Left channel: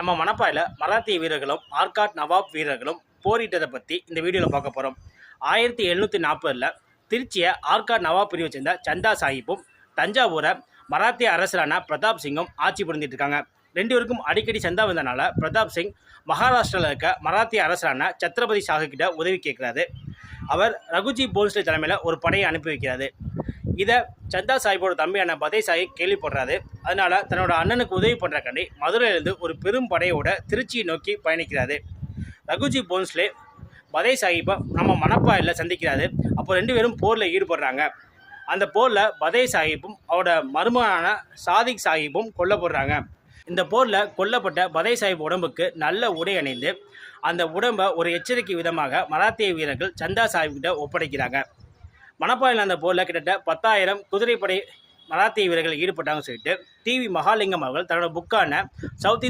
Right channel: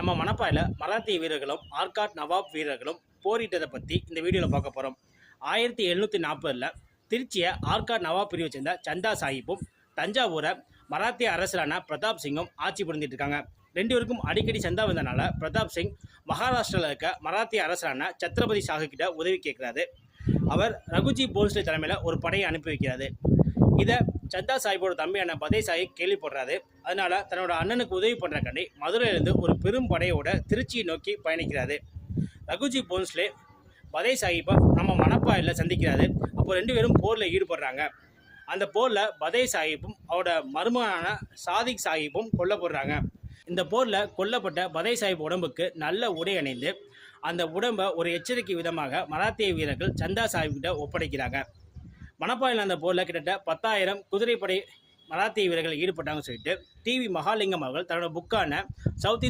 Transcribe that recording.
நம்ம மணப்பாயில் மராத்திய வீரர்களும் ஆர்காட் நவாப் வீரர்களும் போரிட்டதை பற்றி இந்த வீடியோவில் பார்க்க போகிறோம். 1740 திருச்சியை ஆர்காட் நவாப் பிரிவை சேர்ந்த சந்தா சாஹிப்பும் தஞ்சாவூரை மராத்திய அரசரான பிரதாப் சிங்கும் ஆட்சி புரிந்துட்டு இருக்காங்க. ரெண்டு பேருக்கும் அடிக்கடி சந்தா வந்தனால பிரதாப் சிங் மகாராஷ்டிராவில் இருக்க மராத்திய அரசரான சத்ரபதி ஷாஹு கிட்ட உதவி கேட்கிறாரு. அவர் ரகுஜி போன்ஸ்லே தலைமையில் ஒரு படையை அனுப்பி வைக்கிறாரு. இதை சந்தா சாஹிப்போட தம்பியான பதே சாஹிப் கேள்விப்படுறாரு. அதனால தன்னோட அண்ணனுக்கு உதவி பண்ணுறக்காண்டி மதுரையிலிருந்து ஒரு பெரும் படையோட திருச்சியை நோக்கி பயணிக்கிறாரு. ரகுஜி போன்ஸ்லே பதே சாஹிப்பை நம்ம மணப்பாயில் சந்திக்கிறாரு. அப்போ ரெண்டு பேரும் போரில் ஈடுபடுறாங்க. அந்த போரில் பதே சாஹிப்பும் அவரோட மருமகனான சாதிக் சாஹிப்பும் கொல்லப்படுறாங்க. இந்த போரில் கொல்லப்பட்ட பதே சாஹிப் உடம்புக்கு நல்ல உடை அணிந்து அந்த உடம்பை ஒரு எச்சரிக்கை விதமாக மராத்திய வீரர்கள் சந்தா சாஹிப்கிட்ட ஒப்படைக்கிறாங்க. மணப்பாயில் அந்த போரில் கிட்டத்தட்ட 10,000 குதிரைப்படை மராத்திய வீரர்கள் ஈடுபட்டாங்கன்னு சொல்லிட்டு டிவி மகாலிங்கம் அவர்கள் தன்னோட புக்கான சவுத்